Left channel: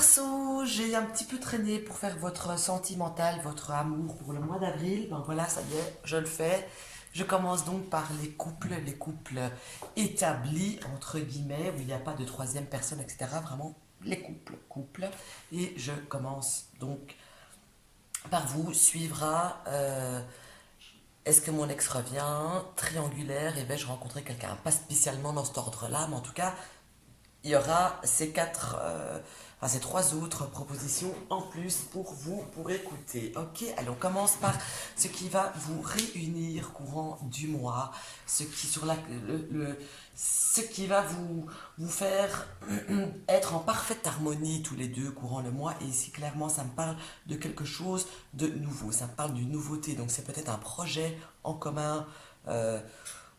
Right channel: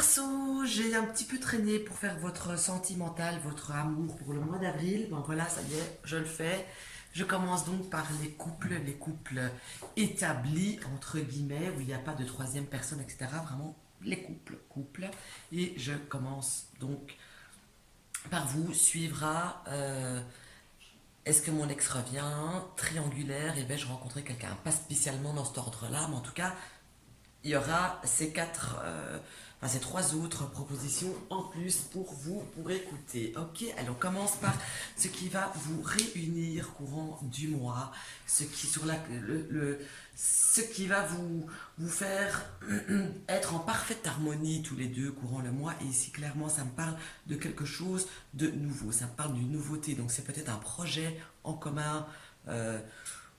Verseau, j'ai un petit peu traîné pour faire votre sentimental, votre amour pour le mois d'avril. Ben voilà, ça y est, je le fais. Je commence donc par les couples établis, entre guillemets, où il n'y a pas de troisième personne, etc. Vraiment, les couples. Et je commence donc par vous. Suivra, est-ce que mon ex revient? Triangulaire, et vais-je rencontrer quelqu'un? Pas spécialement dans cet ordre-là, mais en tout cas, il y aura ces trois autres propositions en plus pour écouter. Ok, allez, on commence par ce qui va vous réunir courant du mois, ce qui va vous faire être en parfaite harmonie tous les deux courant le mois. Et ici, clairement, ça me parle de quelque chose de nouveau. Ça me parle d'une nouveauté. Donc, c'est peut-être un projet en commun.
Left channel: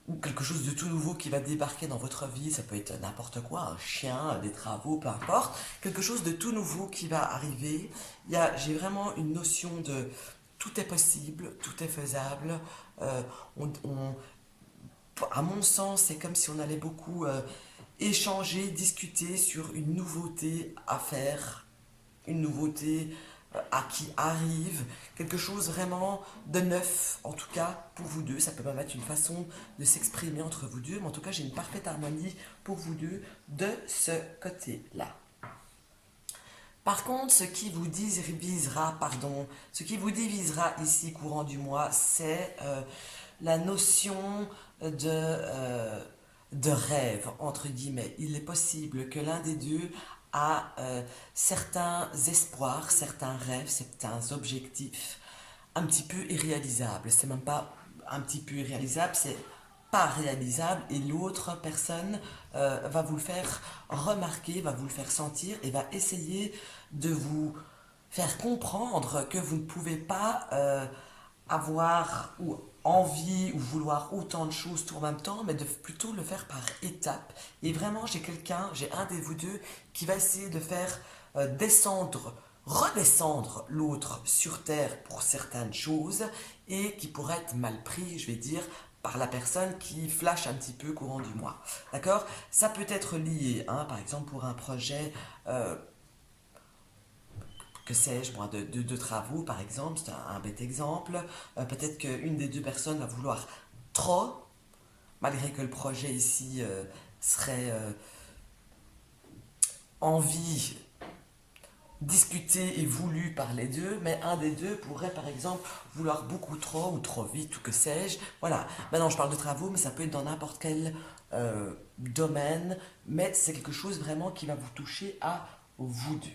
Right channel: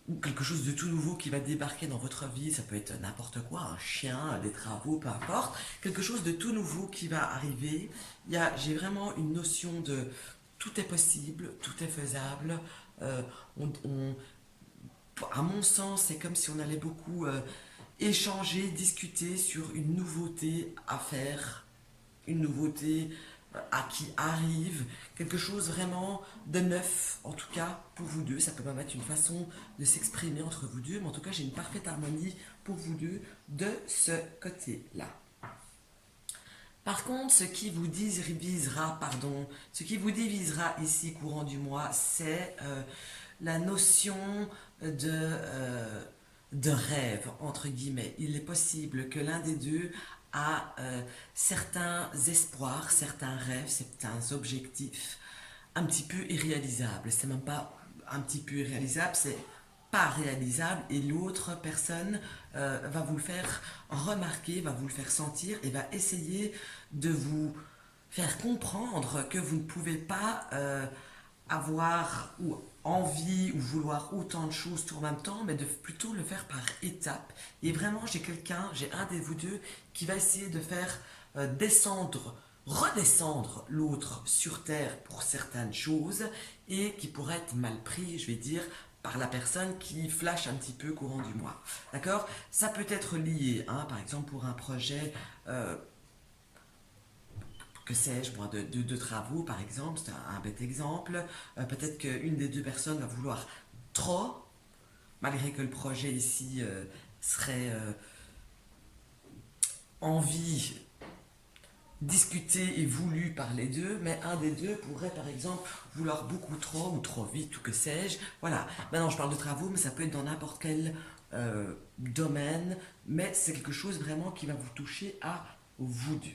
Ou quelque chose de tout nouveau qui va débarquer dans votre vie, ça peut être n'importe quoi, un chien, des travaux, peu importe, quelque chose de tout nouveau qui va arriver. J'ai vraiment une notion de tout est possible, tout est faisable. Euh, on- on- à mon sens, c'est comme si on allait beaucoup échanger, discuter sur une nouveauté à faire, une nouveauté à qui arrive, quelque chose vraiment de neuf, en tout cas pour vous deux. Ça peut même être une façon de s'exprimer entre vous deux, mais en tout cas j'ai une parfaite harmonie pour vous deux de ce côté-là. Par contre, ce qui vous divisera ici courant du mois, c'est la notion de rêve, entre guillemets. Il est possible que l'un des deux a certains espoirs, certains rêves, certains objectifs un petit peu irréalisables. C'est même pas un petit peu irréalisable, c'est pas réalisable et l'autre personne va vous le faire remarquer, va vous le faire sentir et va essayer de vous faire comprendre que vous ne pouvez pas avoir ou envie ou vouloir autant de choses tout en même temps, mais de plutôt le faire par étapes. Et vraiment, j'ai un de vous deux qui va essayer de faire redescendre l'autre sur terre pour certaines choses et qui pourrait être mal pris, je vais dire, par la personne qui flash un petit peu courant du mois. D'accord? Ça peut être lié, hein, par exemple, pour un projet que sais-je, moi, de travaux, par exemple, c'est un bête exemple. Peut-être qu'une des deux personnes va vouloir trop, malgré que le projet ici serait envie, discuté et voulu par les deux, mais un des deux pourrait, par exemple, vouloir beaucoup trop ou trop vite, ou que sais-je. Voilà. Maintenant, je parle de travaux, mais ça peut être dans n'importe quel domaine, mais c'est quelque chose vraiment qui va vous toucher à vous deux.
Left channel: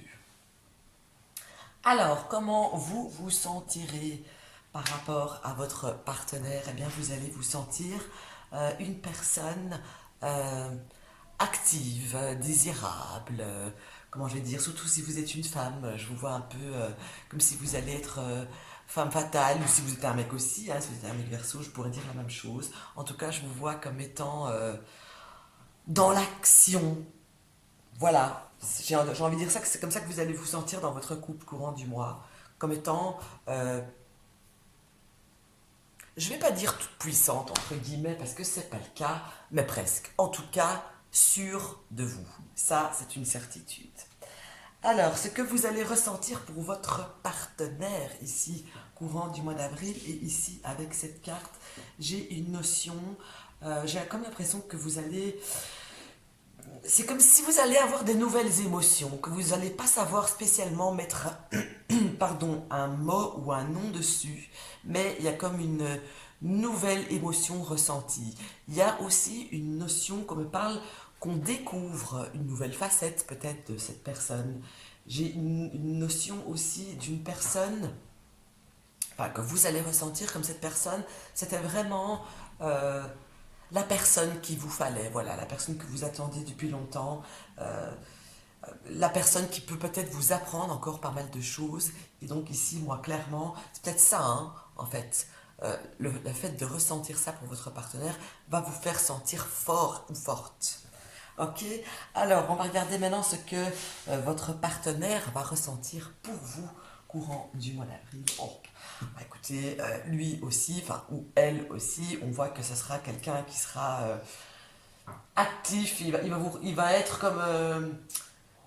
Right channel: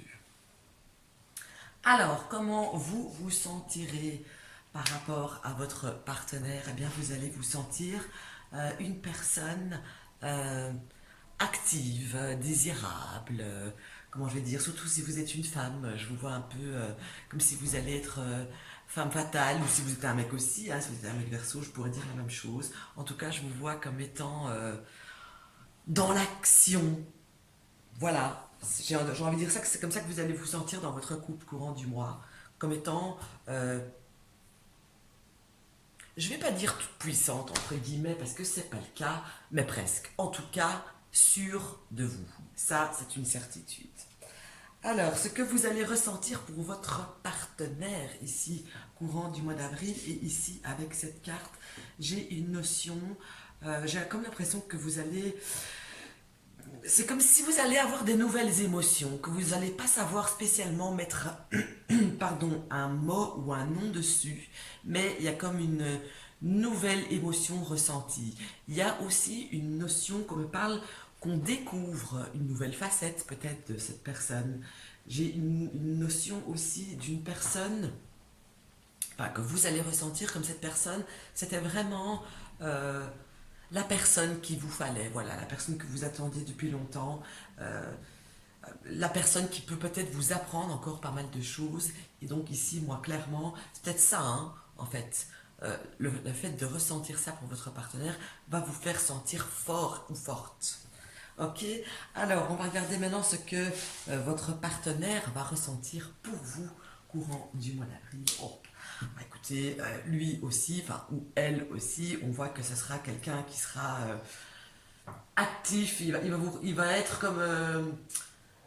Alors, comment vous vous sentirez par rapport à votre partenaire? Eh bien, vous allez vous sentir une personne euh, active, désirable, comment je vais dire, surtout si vous êtes une femme, je vous vois un peu comme si vous allez être femme fatale, ou si vous êtes un mec aussi, hein, si vous êtes un mec verso, je pourrais dire la même chose. En tout cas, je vous vois comme étant dans l'action, voilà, j'ai envie de dire ça, que c'est comme ça que vous allez vous sentir dans votre couple courant du mois, comme étant, je vais pas dire toute puissante, entre guillemets, parce que c'est pas le cas, mais presque. En tout cas, sûr de vous. Ça, c'est une certitude. Alors, ce que vous allez ressentir pour votre partenaire ici, courant du mois d'avril, et ici, avec cette carte, j'ai une notion, j'ai comme l'impression que vous allez c'est comme si vous allez avoir des nouvelles émotions, que vous n'allez pas savoir spécialement mettre un mot ou un nom dessus, mais il y a comme une nouvelle émotion ressentie. Il y a aussi une notion qu'on me parle, qu'on découvre une nouvelle facette peut-être de cette personne. J'ai une notion aussi d'une personne que vous allez ressentir comme cette personne, c'était vraiment euh, la personne qu'il vous fallait, voilà, la personne que vous attendiez depuis longtemps, euh, la personne qui peut peut-être vous apprendre encore pas mal de choses. Et donc ici, moi, clairement, c'est peut-être ça, hein, en fait. Le fait de ressentir ça pour votre partenaire va vous faire sentir fort ou forte. Ok, alors on va regarder maintenant ce que votre partenaire va ressentir pour vous courant du mois d'avril. Oh, bah, écoutez, lui aussi, enfin, ou elle aussi, on voit que ce sera quelqu'un qui sera actif, il va être comme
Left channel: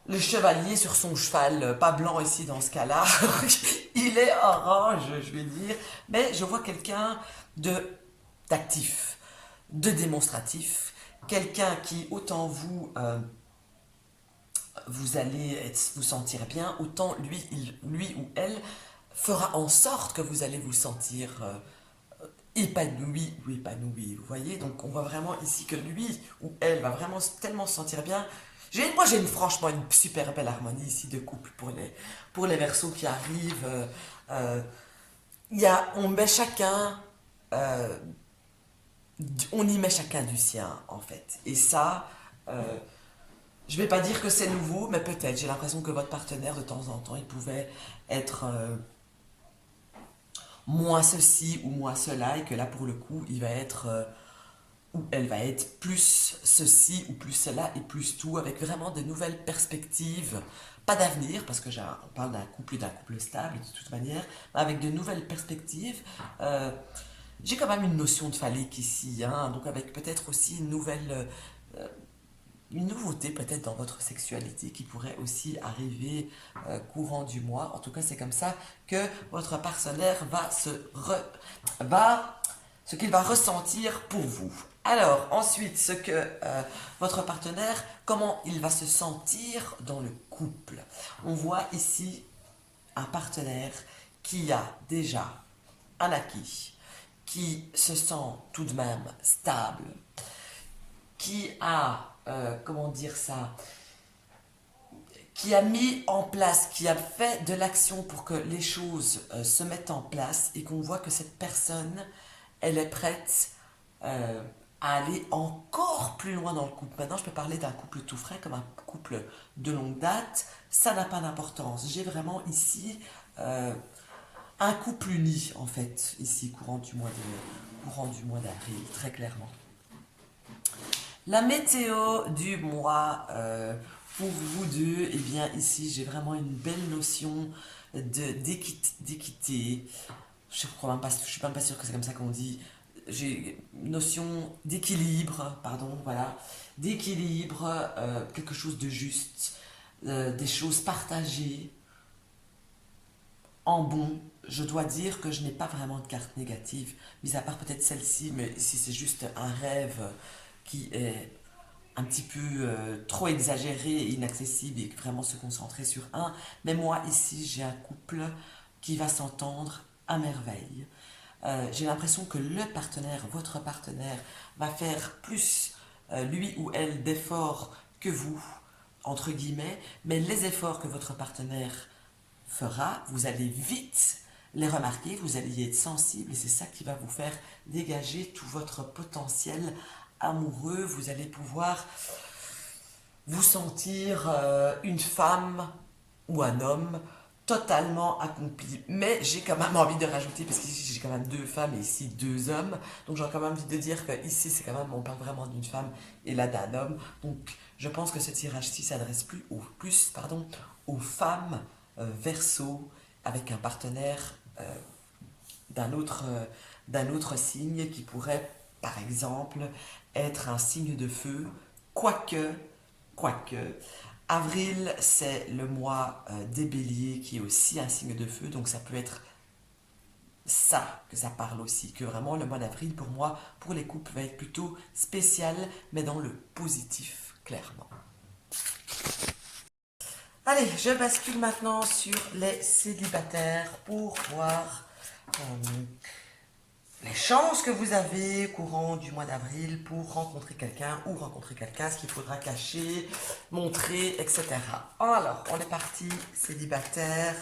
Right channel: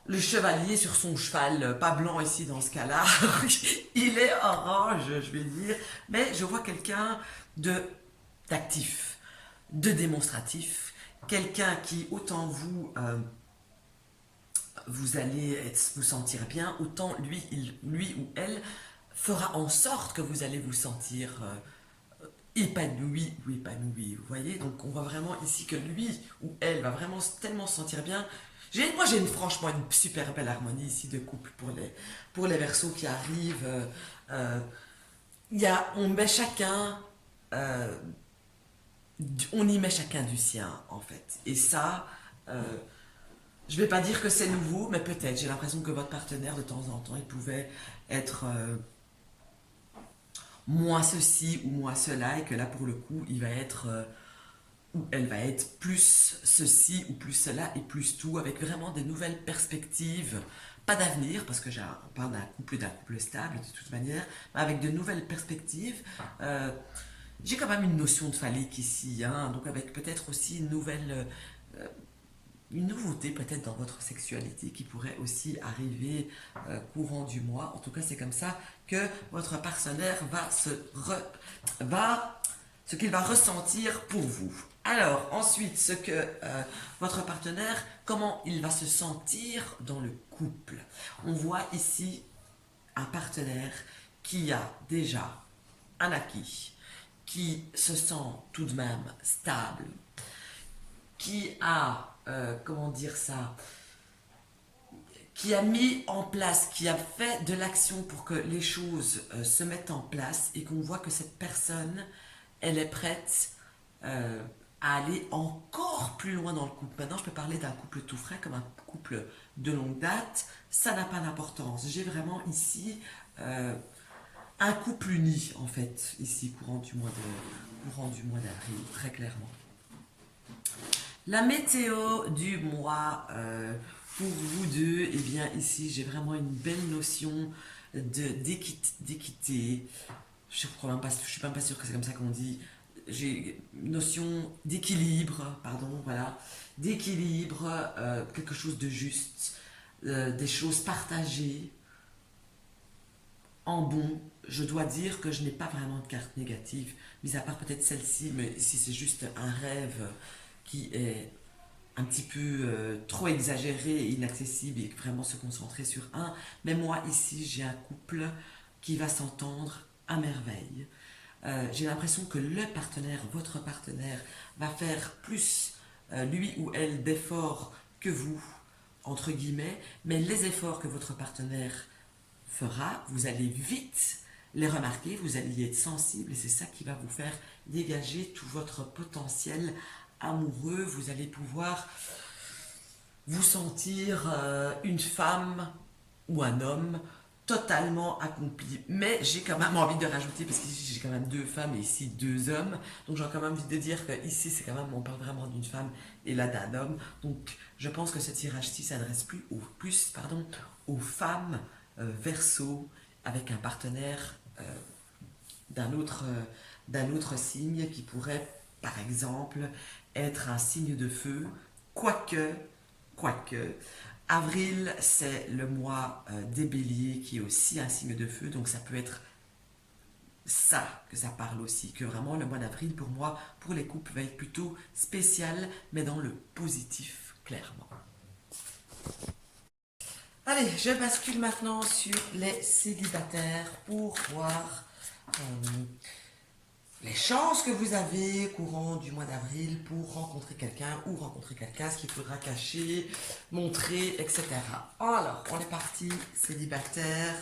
le chevalier sur son cheval, pas blanc ici dans ce cas-là, il est orange, je vais dire, mais je vois quelqu'un de d'actif, de démonstratif, quelqu'un qui, autant vous, vous allez vous sentir bien, autant lui ou elle fera en sorte que vous allez vous sentir épanoui ou épanoui, vous voyez. Donc on voit vraiment ici que lui ou elle va vraiment tellement se sentir bien. Moi j'ai franchement une super belle harmonie ici de couple pour les Verseaux qui arrivent. On met chacun, euh, on y met chacun du sien en fait. Et ça, je vais pas dire que c'est nouveau, mais peut-être. J'ai l'impression que votre partenaire de temps en temps, il pouvait être moins ceci ou moins cela, et que là pour le coup, il va être ou elle va être plus ceci ou plus cela et plus tout, avec vraiment des nouvelles perspectives, pas d'avenir, parce que on parle d'un couple stable de toute manière, mais avec de nouvelles perspectives. J'ai quand même une notion de phallique ici, hein, donc avec peut-être aussi une nouveauté peut-être dans votre sexualité qui pourrait aussi arriver courant du mois. En tout cas, c'est comme ça que votre partenaire ce qu'il va ressentir pour vous. Alors, ensuite, votre partenaire, comment il va se sentir dans le couple. On voit ici un partenaire qui a déjà un acquis, qui se sent tout de même stable, qui a, comment dire ça, qui a mis en place, qui a fait de l'action pour que les choses se mettent en place et qu'on voit que cette personne, elle est prête à aller encore plus loin dans le couple. Maintenant, je peux parler d'un couple tout frais comme un couple de longue date. Ça n'a pas d'importance. J'ai vraiment ici un couple uni, en fait, ici, courant du mois d'avril, très clairement. La météo du mois pour vous deux, eh bien ici j'ai vraiment une belle notion d'équité. Je suis même pas sûre que c'est comme ça qu'on dit. J'ai une notion d'équilibre, pardon, voilà, d'équilibre, quelque chose de juste, des choses partagées en bon. Je dois dire que je n'ai pas vraiment de carte négative, mis à part peut-être celle-ci, mais si c'est juste un rêve qui est un petit peu trop exagéré et inaccessible et vraiment se concentrer sur un. Mais moi, ici, j'ai un couple qui va s'entendre à merveille. J'ai l'impression que votre partenaire, va faire plus, lui ou elle, d'efforts que vous, entre guillemets, mais les efforts que votre partenaire fera, vous allez vite les remarquer, vous allez y être sensible et c'est ça qui va vous faire dégager tout votre potentiel amoureux. Vous allez pouvoir vous sentir une femme ou un homme totalement accompli. Mais j'ai quand même envie de rajouter, parce qu'ici j'ai quand même deux femmes et ici deux hommes, donc j'ai quand même envie de dire que ici c'est quand même, on parle vraiment d'une femme et là d'un homme. Donc je pense que ce tirage-ci s'adresse aux femmes Verseau avec un partenaire d'un autre signe qui pourrait par exemple être un signe de feu, quoique, avril c'est le mois des béliers qui est aussi un signe de feu, donc ça peut être ça que ça parle aussi, que vraiment le mois d'avril pour moi, pour les couples, va être plutôt spécial, mais dans le positif, clairement. Allez, je bascule maintenant sur les célibataires pour voir les chances que vous avez courant du mois d'avril pour rencontrer quelqu'un ou rencontrer quelqu'un, ce qu'il faudra cacher, montrer, etc. Alors, on est parti, célibataire,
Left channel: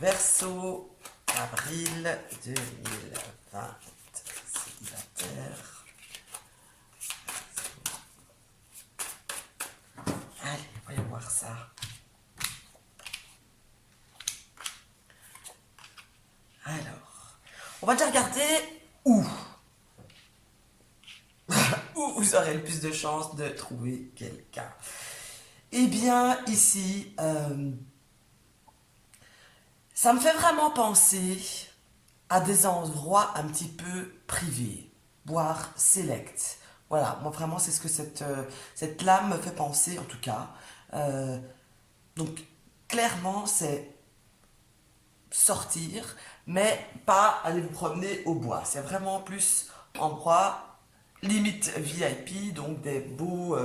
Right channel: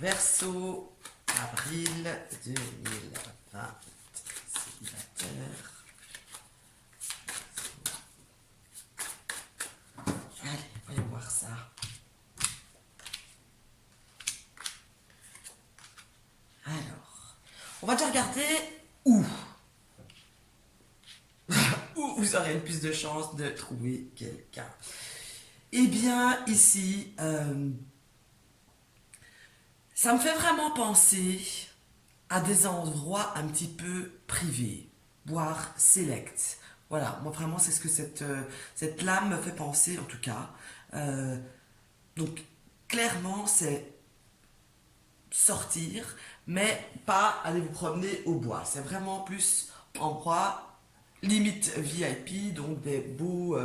Verseau, avril 2020, célibataire. Allez, voyons voir ça. Alors, on va déjà regarder où vous aurez le plus de chances de trouver quelqu'un. Eh bien, ici, ça me fait vraiment penser à des endroits un petit peu privés, voire select. Voilà, moi vraiment c'est ce que cette lame me fait penser, en tout cas. Euh, donc, clairement, c'est sortir, mais pas aller vous promener au bois. C'est vraiment plus endroit, limite VIP, donc des beaux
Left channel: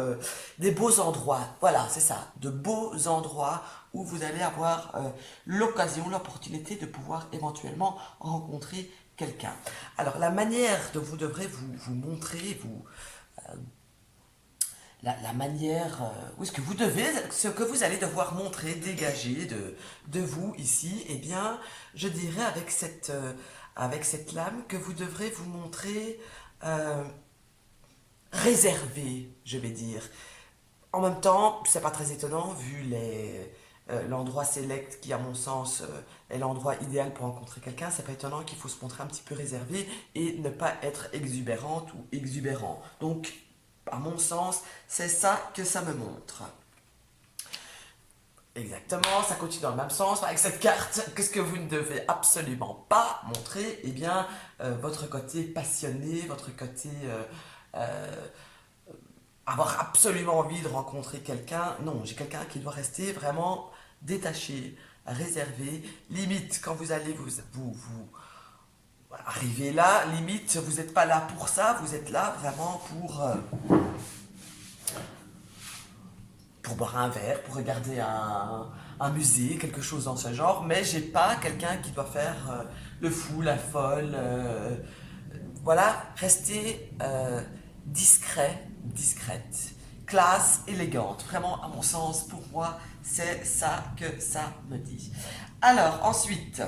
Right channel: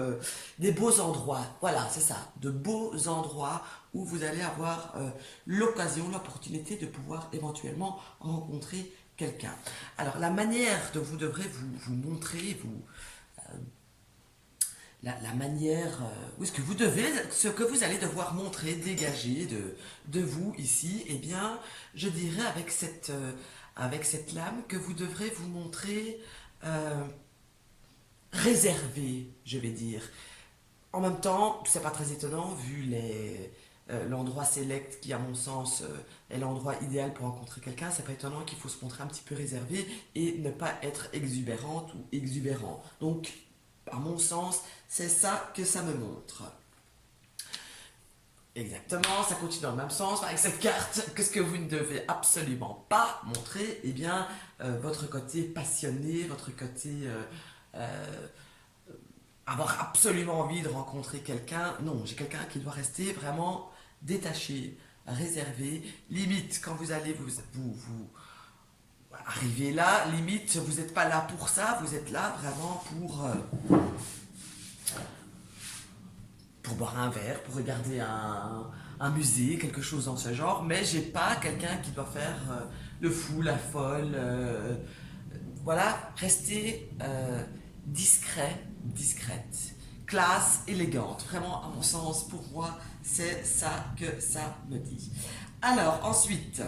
endroits. Voilà, c'est ça, de beaux endroits où vous allez avoir l'occasion, l'opportunité de pouvoir éventuellement rencontrer quelqu'un. Alors, la manière dont vous devrez vous montrer, la manière, oui, ce que vous allez devoir montrer, dégager de vous ici, eh bien, je dirais avec cette lame que vous devrez vous montrer euh, réservé, je vais dire. En même temps, c'est pas très étonnant vu l'endroit select qui, à mon sens, est l'endroit idéal pour rencontrer quelqu'un. C'est pas étonnant qu'il faut se montrer un petit peu réservé et ne pas être exubérante ou exubérant. Donc, à mon sens, c'est ça que ça me montre. Exactement, ça continue dans le même sens. Avec cette carte, qu'est-ce que vous ne devez absolument pas montrer? Eh bien, votre côté passionné, votre côté euh, avoir absolument envie de rencontrer quelqu'un. Non, j'ai quelqu'un qui doit rester vraiment détaché, réservé. Limite, quand vous allez vous arriver là, limite, vous n'êtes pas là pour ça, vous êtes là vraiment pour boire un verre, pour regarder un musée, quelque chose dans ce genre, mais j'ai pas quelqu'un qui doit faire le fou, la folle. Voilà, rester discret, discrète, classe, élégante. Vraiment, à mon sens, pour moi, c'est ça que ça me dit. Alors, ensuite,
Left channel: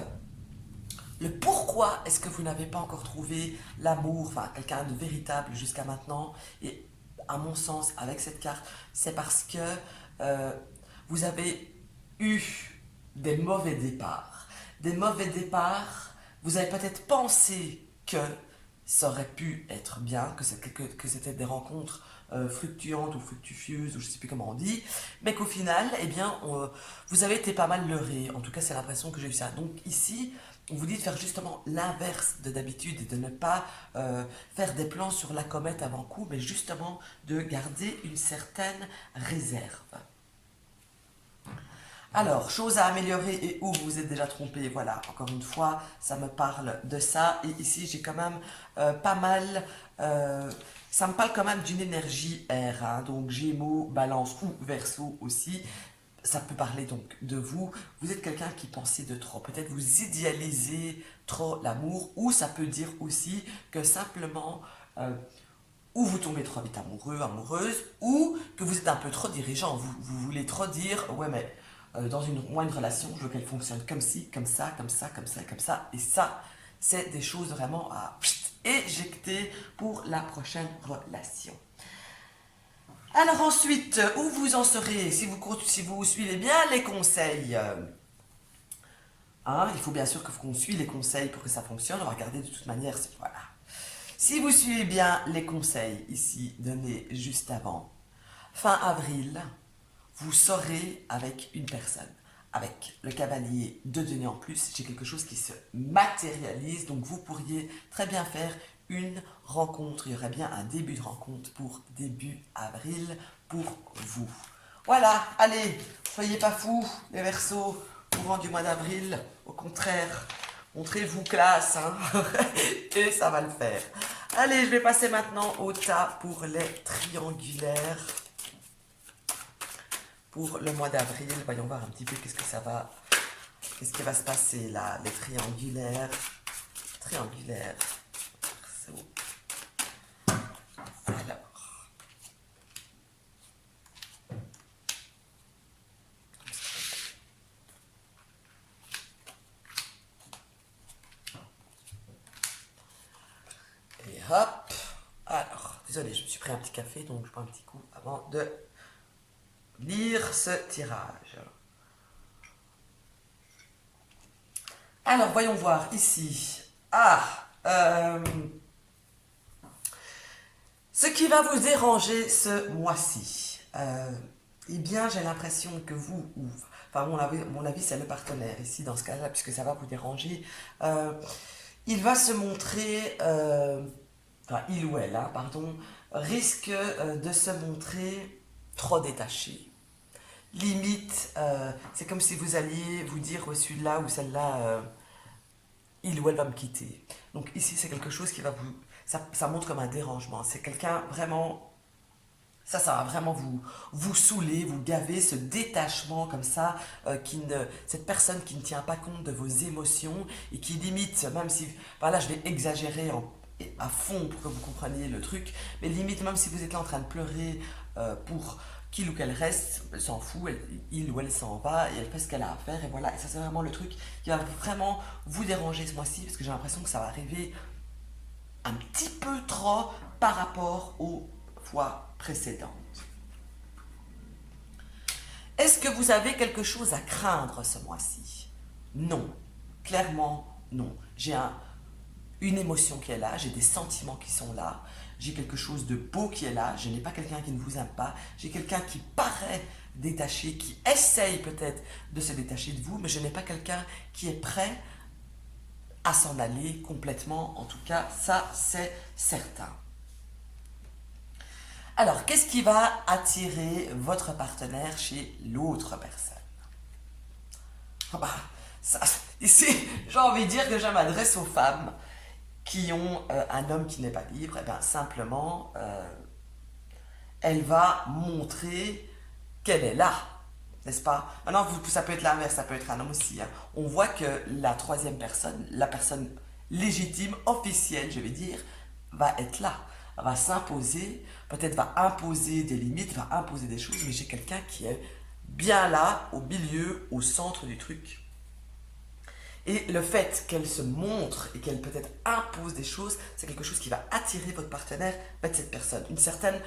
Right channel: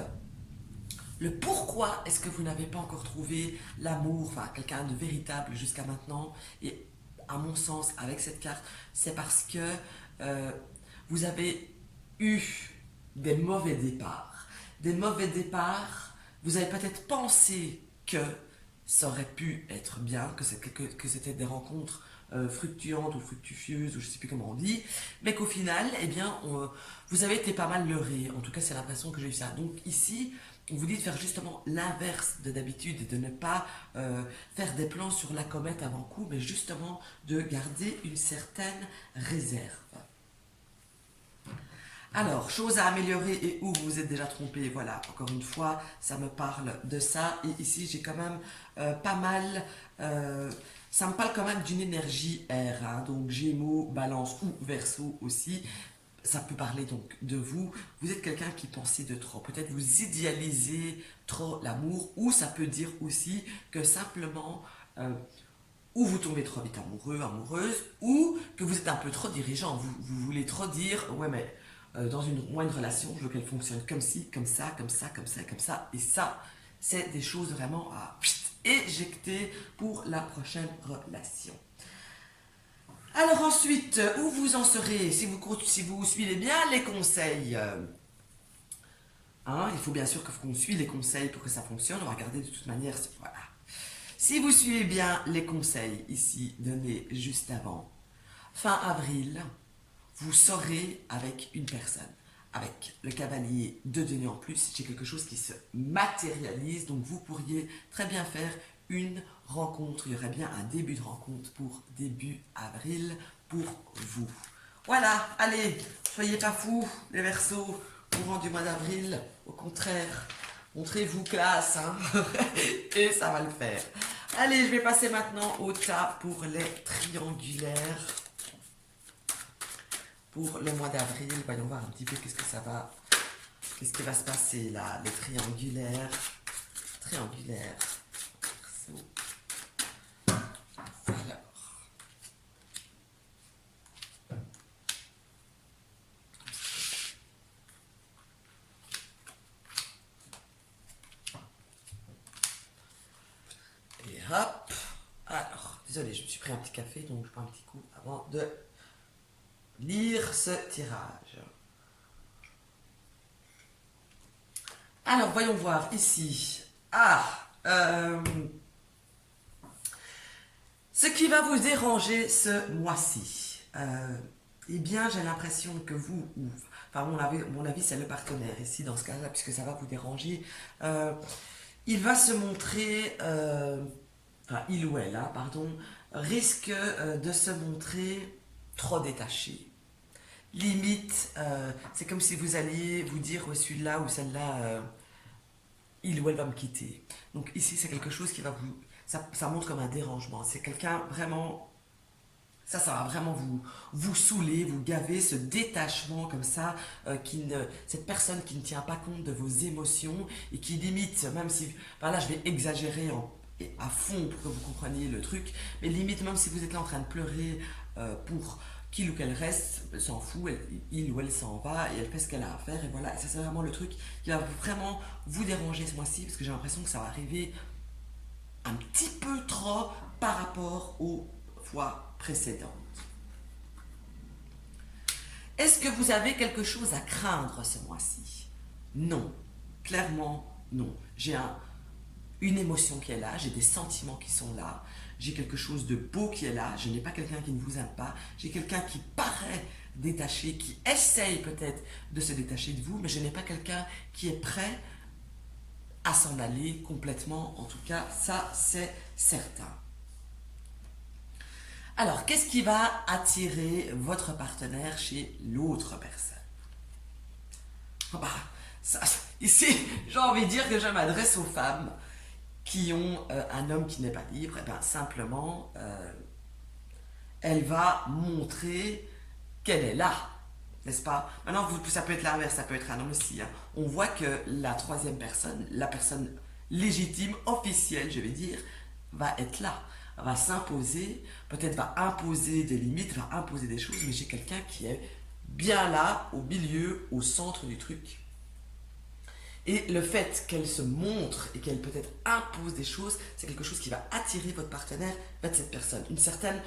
le pourquoi est-ce que vous n'avez pas encore trouvé l'amour, enfin quelqu'un de véritable jusqu'à maintenant. Et à mon sens, avec cette carte, c'est parce que euh, vous avez eu des mauvais départs. Des mauvais départs, vous avez peut-être pensé que ça aurait pu être bien, que c'était des rencontres fructuantes ou fructifieuses, ou je ne sais plus comment on dit, mais qu'au final, eh bien, vous avez été pas mal leurré. En tout cas, c'est l'impression que j'ai eu ça. Donc ici, on vous dit de faire justement l'inverse de d'habitude, de ne pas faire des plans sur la comète avant coup, mais justement de garder une certaine réserve. Alors, chose à améliorer et où vous vous êtes déjà trompé, voilà, encore une fois, ça me parle de ça. Et ici, j'ai quand même pas mal, ça me parle quand même d'une énergie air, hein, donc Gémeaux, Balance ou Verseau aussi. Ça peut parler donc de vous. Vous êtes quelqu'un qui pensait de trop. Peut-être vous idéalisez trop l'amour, ou ça peut dire aussi que simplement, ou vous tombez trop vite amoureux, amoureuse, ou que vous êtes un peu trop dirigeant. Vous voulez trop dire, ouais, mais dans une relation, je veux qu'elle fonctionne comme ci, comme ça, comme ça, comme ça, comme ça. Et ça, c'est des choses vraiment à éjecter pour la prochaine relation. Alors ensuite, où vous en serez si vous suivez bien les conseils, hein, il faut bien sûr qu'on suive les conseils pour que ça fonctionne. On va regarder de toute manière. Voilà. Si vous suivez bien les conseils ici donnés juste avant, fin avril, vous saurez avec une personne. Avec le cavalier de denier en plus, j'ai quelque chose qui se matérialise, donc vous pourriez très bien faire une rencontre. Il y aurait bien un début de rencontre pour début avril pour vous. Voilà, allez, soyez pas fous, les Verseaux, courant du mois d'avril. Au contraire, montrez-vous classe, hein, et ça va le faire. Allez, je vais passer maintenant au tas pour les triangulaires. Pour le mois d'avril, voyons voir un petit peu qu'est-ce qui va se passer là, les triangulaires. Triangulaires. Alors. Et hop. Alors, désolé, je me suis pris un petit café, donc je prends un petit coup avant de lire ce tirage. Alors, voyons voir ici. Ce qui va vous déranger ce mois-ci. Eh bien, j'ai l'impression que enfin, mon avis, c'est le partenaire ici, dans ce cas-là, puisque ça va vous déranger. Il va se montrer, enfin, il ou elle, hein, pardon, risque de se montrer trop détaché, limite, c'est comme si vous alliez vous dire, ouais, celui-là ou celle-là, il ou elle va me quitter. Donc ici, c'est quelque chose qui va vous... Ça montre comme un dérangement. C'est quelqu'un vraiment... Ça va vraiment vous saouler, vous gaver, ce détachement comme ça, cette personne qui ne tient pas compte de vos émotions et qui limite, même si, enfin là je vais exagérer à fond pour que vous compreniez le truc, mais limite même si vous êtes là en train de pleurer pour qu'il ou qu'elle reste, elle s'en fout, il ou elle s'en va et elle fait ce qu'elle a à faire et voilà, et ça c'est vraiment le truc qui va vraiment vous déranger ce mois-ci parce que j'ai l'impression que ça va arriver un petit peu trop par rapport aux fois précédentes. Est-ce que vous avez quelque chose à craindre ce mois-ci? Non, clairement non. J'ai une émotion qui est là, j'ai des sentiments qui sont là, j'ai quelque chose de beau qui est là, je n'ai pas quelqu'un qui ne vous aime pas, j'ai quelqu'un qui paraît détaché, qui essaye peut-être de se détacher de vous, mais je n'ai pas quelqu'un qui est prêt à s'en aller complètement, en tout cas, ça c'est certain. Alors, qu'est-ce qui va attirer votre partenaire chez l'autre personne? Ici, j'ai envie de dire que je m'adresse aux femmes qui ont un homme qui n'est pas libre. Et bien, simplement, elle va montrer qu'elle est là, n'est-ce pas? Maintenant, ça peut être l'inverse, ça peut être un homme aussi. Hein. On voit que la troisième personne, la personne légitime, officielle, je vais dire, va être là, va s'imposer, peut-être va imposer des limites, va imposer des choses, mais j'ai quelqu'un qui est bien là, au milieu, au centre du truc. Et le fait qu'elle se montre et qu'elle peut-être impose des choses, c'est quelque chose qui va attirer votre partenaire vers cette personne. Une certaine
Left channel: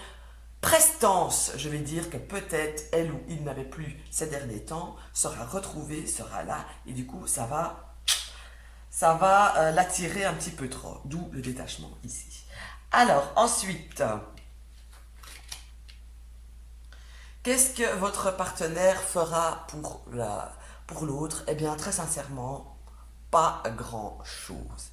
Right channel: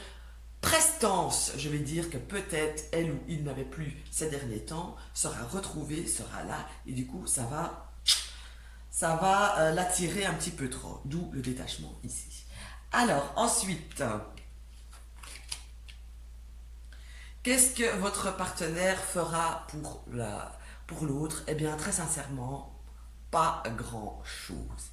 prestance, je vais dire, que peut-être elle ou il n'avait plus ces derniers temps, sera retrouvée, sera là, et du coup, ça va l'attirer un petit peu trop, d'où le détachement ici. Alors, ensuite, qu'est-ce que votre partenaire fera pour l'autre? Eh bien, très sincèrement, pas grand-chose.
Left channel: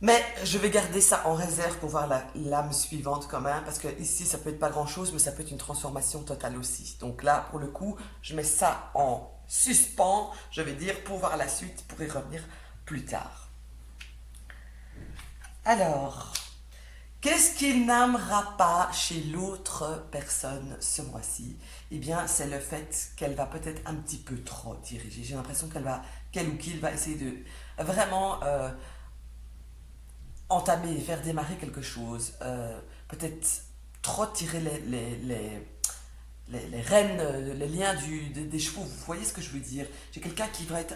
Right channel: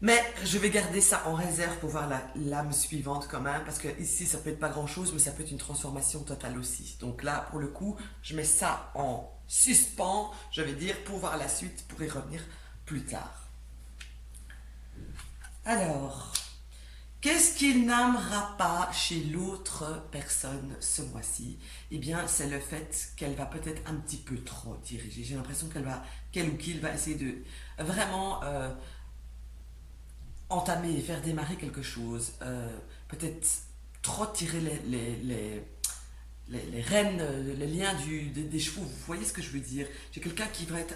Mais je vais garder ça en réserve pour voir l'âme suivante quand même, parce que ici, ça peut être pas grand-chose, mais ça peut être une transformation totale aussi. Donc là, pour le coup, je mets ça en suspens, je vais dire, pour voir la suite, pour y revenir plus tard. Alors, qu'est-ce qu'il n'aimera pas chez l'autre personne ce mois-ci? Eh bien, c'est le fait qu'elle va peut-être un petit peu trop diriger. J'ai l'impression qu'elle ou qu'il va essayer de vraiment entamer, faire démarrer quelque chose. Peut-être trop tirer les rênes, les liens des chevaux. Vous voyez ce que je veux dire? J'ai quelqu'un qui va être...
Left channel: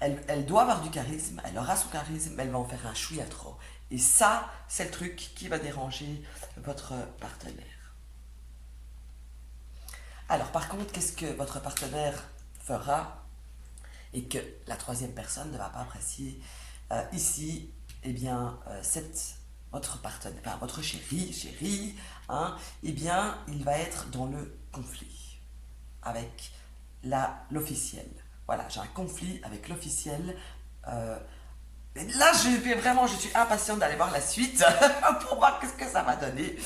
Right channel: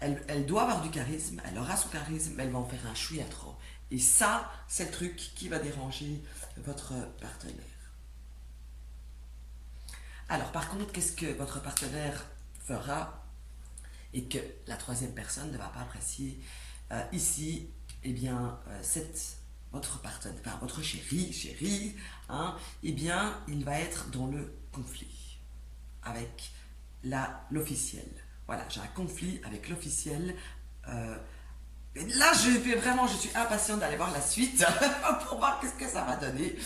Elle doit avoir du charisme, elle aura son charisme, mais elle va en faire un chouïa trop. Et ça, c'est le truc qui va déranger votre partenaire. Alors, par contre, qu'est-ce que votre partenaire fera et que la troisième personne ne va pas apprécier ici? Eh bien, votre partenaire, enfin, votre chéri, hein, eh bien, il va être dans le conflit avec l'officiel. Voilà, j'ai un conflit avec l'officiel. Là, je suis impatiente d'aller voir la suite pour voir qu'est-ce que ça va donner.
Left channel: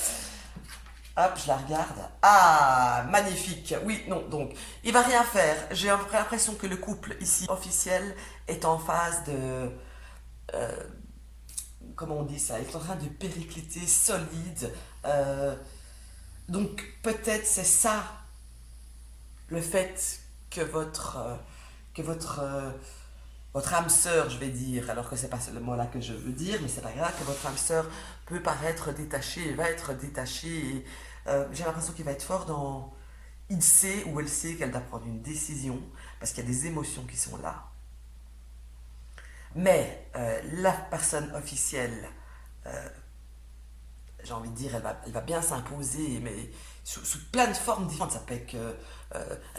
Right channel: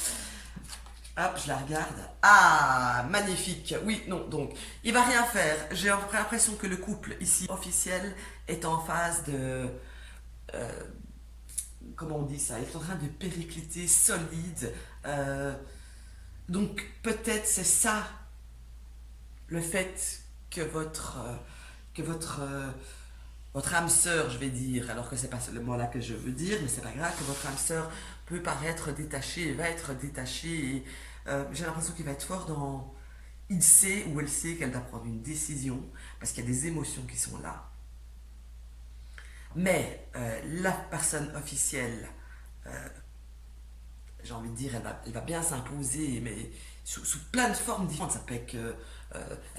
Hop, je la regarde. Ah, magnifique. Oui, non, donc, il va rien faire. J'ai l'impression que le couple ici officiel est en phase de... comment on dit ça? Il est en train de péricliter solide. Donc, peut-être c'est ça, le fait que votre âme sœur, je vais dire, alors que c'est pas le mot là que je veux dire, mais c'est pas grave, que votre âme sœur peut paraître détachée et va être détachée. Et, j'ai l'impression qu'il va être fort dans... Il sait ou elle sait qu'elle doit prendre une décision, parce qu'il y a des émotions qui sont là. Mais la personne officielle, j'ai envie de dire, elle va bien s'imposer, mais sous plein de formes différentes. Ça peut être qu'elle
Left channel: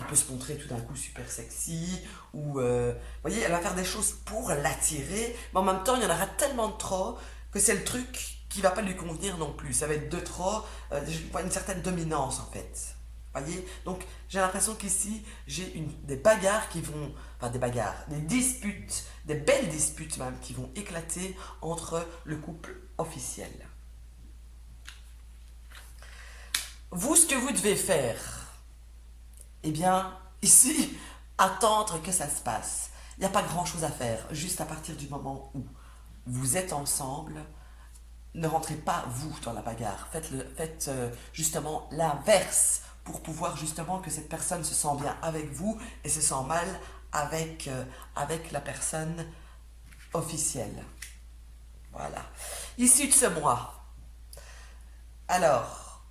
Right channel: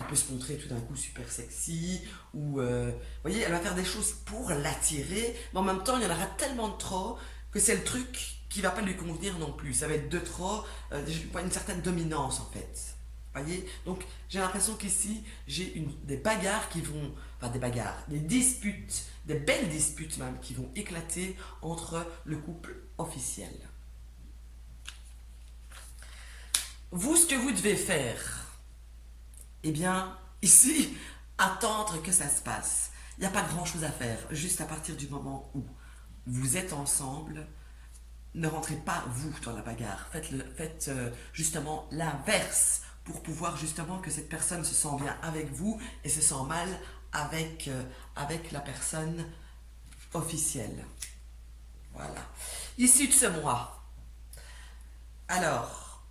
peut se montrer tout d'un coup super sexy, ou, vous voyez, elle va faire des choses pour l'attirer, mais en même temps, il y en aura tellement de trop que c'est le truc qui va pas lui convenir non plus. Ça va être de trop, une certaine dominance en fait. Voyez, donc j'ai l'impression qu'ici j'ai des bagarres qui vont, enfin des bagarres, des disputes, des belles disputes même qui vont éclater entre le couple officiel. Vous, ce que vous devez faire, eh bien, ici, attendre que ça se passe. Il n'y a pas grand-chose à faire. Juste à partir du moment où vous êtes ensemble, ne rentrez pas, vous, dans la bagarre. Faites justement l'inverse pour pouvoir justement que cette personne se sent bien avec vous et se sent mal avec la personne officielle. Voilà. Issu de ce mois. Alors,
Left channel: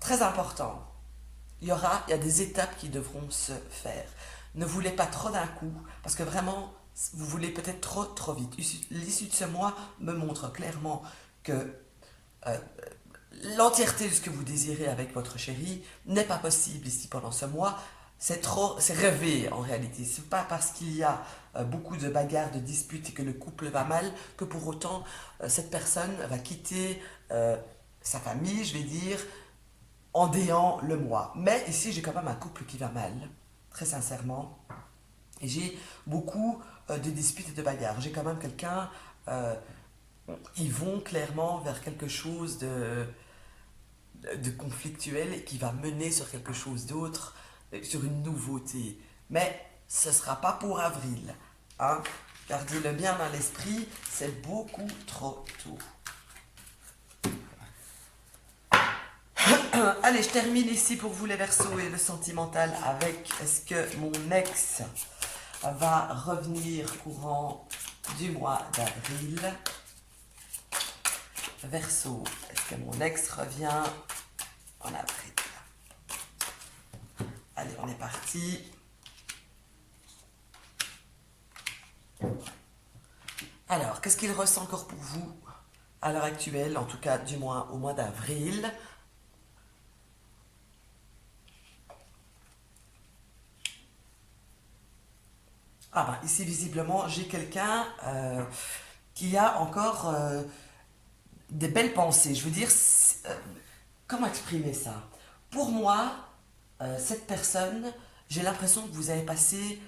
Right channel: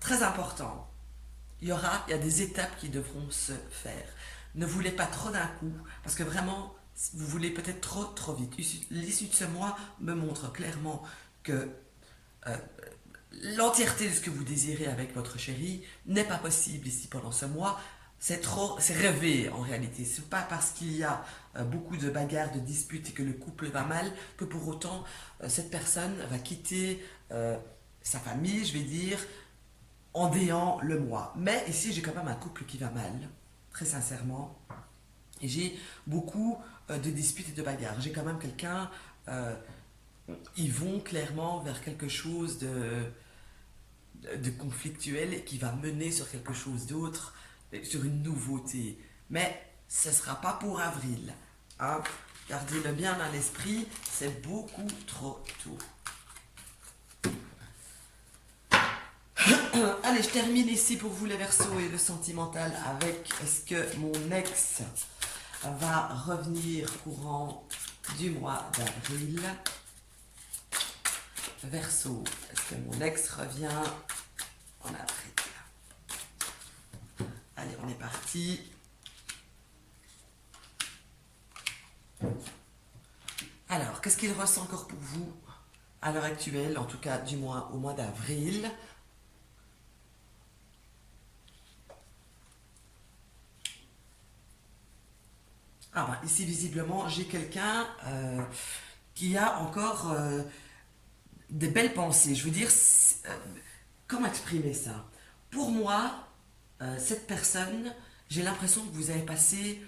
très important, il y a des étapes qui devront se faire. Ne voulez pas trop d'un coup, parce que vraiment, vous voulez peut-être trop vite. L'issue de ce mois me montre clairement que euh, l'entièreté de ce que vous désirez avec votre chéri n'est pas possible ici pendant ce mois. C'est rêvé en réalité. C'est pas parce qu'il y a beaucoup de bagarres, de disputes et que le couple va mal que pour autant cette personne va quitter sa famille, je vais dire, en déant le mois. Mais ici, j'ai quand même un couple qui va mal, très sincèrement. Et j'ai beaucoup de disputes et de bagarres. J'ai quand même quelqu'un, euh, ils vont clairement vers quelque chose de conflictuel et qui va mener sur quelque chose d'autre, sur une nouveauté. Mais ce ne sera pas pour avril. Hein? Gardez-le bien dans l'esprit, c'est beaucoup trop tôt. Allez, je termine ici pour vous les Verseaux et le sentimental avec est-ce que mon ex va revenir courant du mois d'avril. Verseau, est-ce que mon ex revient en avril? Allez, on est parti. Alors, qu'est-ce qu'il ressent encore pour vous à l'heure actuelle, en tout cas du moins au mois d'avril? Ah bah ici visiblement j'ai quelqu'un qui a encore des belles pensées. Je veux dire, comment exprimer ça? Pour moi, cette personne, j'ai l'impression que vous avez passé.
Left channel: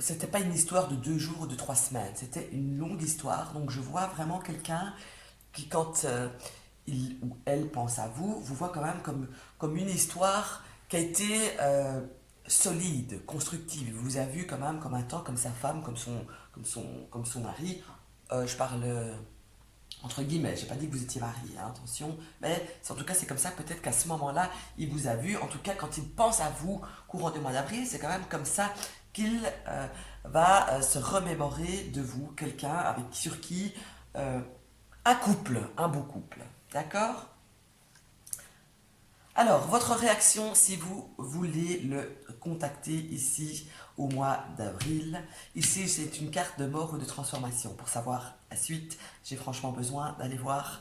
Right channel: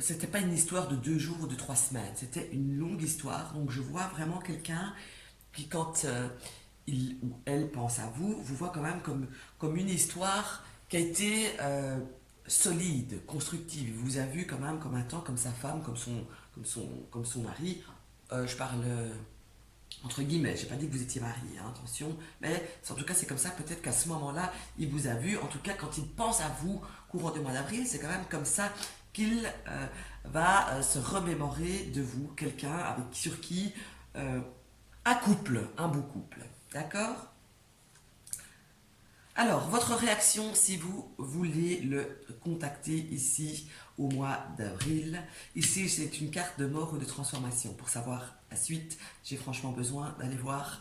C'était pas une histoire de 2 jours ou de 3 semaines, c'était une longue histoire. Donc je vois vraiment quelqu'un qui, quand il ou elle pense à vous, vous voit quand même comme une histoire qui a été solide, constructive. Il vous a vu quand même comme un temps, comme sa femme, comme son mari. Je parle entre guillemets, j'ai pas dit que vous étiez marié, hein, attention, mais en tout cas c'est comme ça, peut-être qu'à ce moment-là, il vous a vu, en tout cas quand il pense à vous courant du mois d'avril, c'est quand même comme ça qu'il va se remémorer de vous, quelqu'un sur qui un couple, un beau couple, d'accord? Alors, votre réaction si vous voulez le contacter ici au mois d'avril. Ici, c'est une carte de mort ou de transformation. Pour savoir la suite, j'ai franchement besoin d'aller voir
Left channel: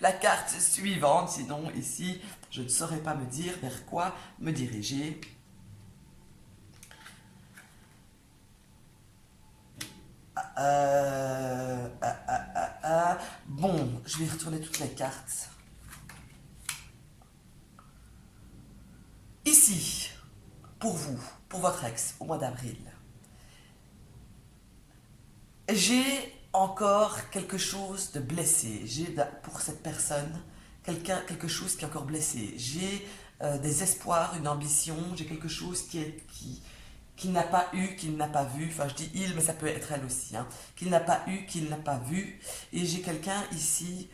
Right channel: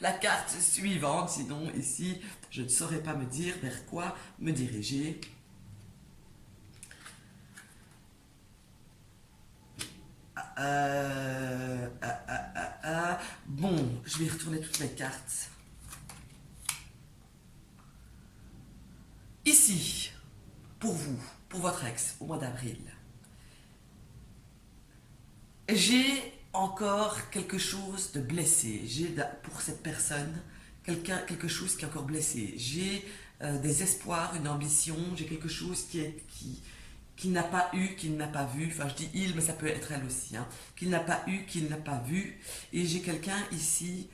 la carte suivante. Sinon, ici, je ne saurais pas me dire vers quoi me diriger. Bon, je vais retourner toutes les cartes. Ici, pour vous, pour votre ex, au mois d'avril, j'ai encore quelque chose de blessé. J'ai pour cette personne quelque chose qui est encore blessé. J'ai des espoirs, une ambition. J'ai quelque chose qui n'a pas eu, qu'il n'a pas vu. Enfin, je dis il, mais ça peut être elle aussi. Hein, qu'il n'a pas eu, qu'il n'a pas vu. Et j'ai quelqu'un ici,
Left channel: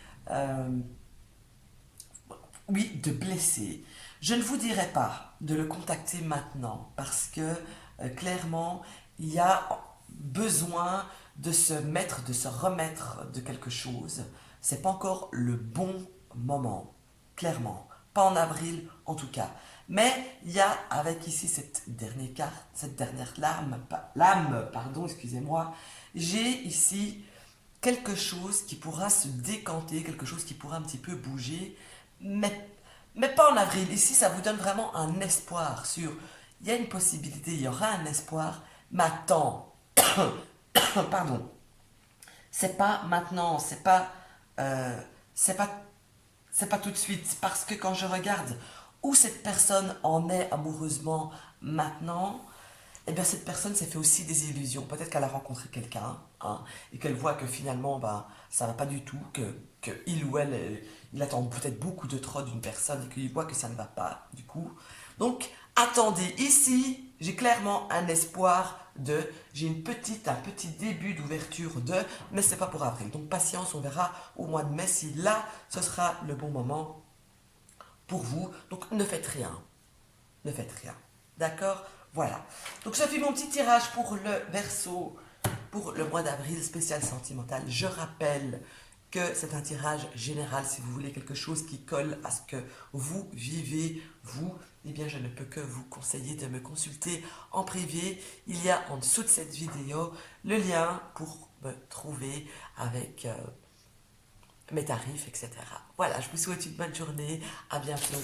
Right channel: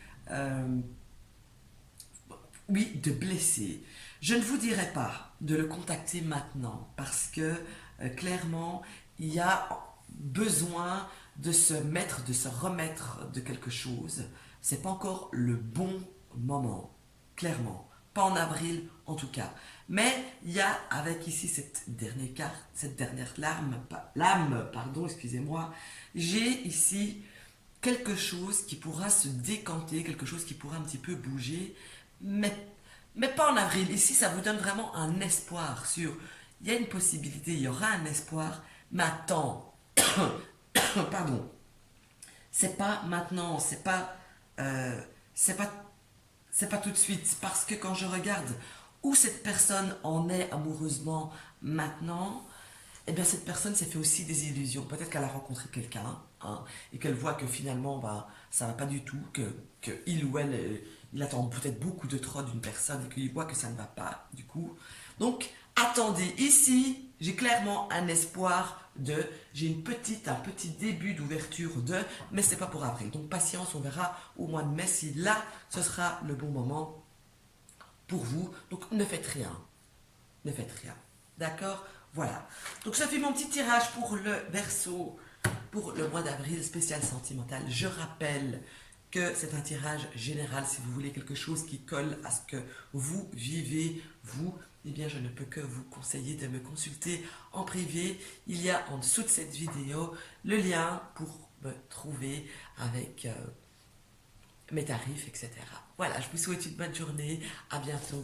oui, de blessé. Je ne vous dirai pas de le contacter maintenant parce que clairement, il y a besoin de se mettre, de se remettre de quelque chose. C'est pas encore le bon moment, clairement. Pas en avril en tout cas. Mais il y a avec ici cette dernière carte, cette dernière lame, pardon, excusez-moi. J'ai ici quelque chose qui pourra se décanter, quelque chose qui pourra un petit peu bouger, mais, mais pas en avril. Ici, ça vous donne vraiment un espoir sur, il y a une possibilité, il y aura un espoir, mais attends, pardon, c'est pas maintenant, euh, c'est pas, c'est pas tout de suite, parce que quand je regarde où cette personne en est amoureusement maintenant, eh bien cette personne s'est fait aussi des illusions. Peut-être qu'elle a rencontré quelqu'un, hein, et qu'elle voit que finalement, bah, ça va pas du tout, que il ou elle, il attend peut-être beaucoup de trop d'une personne, et qu'il voit que ça ne va pas, du coup. Donc, attendez, ici, j'ai clairement un espoir de, j'ai un petit début d'ouverture de, mais c'est pas pour avril. Donc patience, on verra au mois de mai si là, ce sera le bon moment pour vous. Donc ne faites rien. Ne faites rien. D'accord? Voilà. Donc ça fait mon petit tirage pour le Verseau pour le mois d'avril spécial sentimental. Je rappelle que c'est un tirage général. Si vous voulez quelque chose qui colle à ce que vous vivez, vous, eh bien je ne peux que vous conseiller de me consulter en privé. Il y a en dessous de cette vidéo le lien pour me trouver avec mes tarifs, etc. Voilà, je vous souhaite une bonne journée. À bientôt.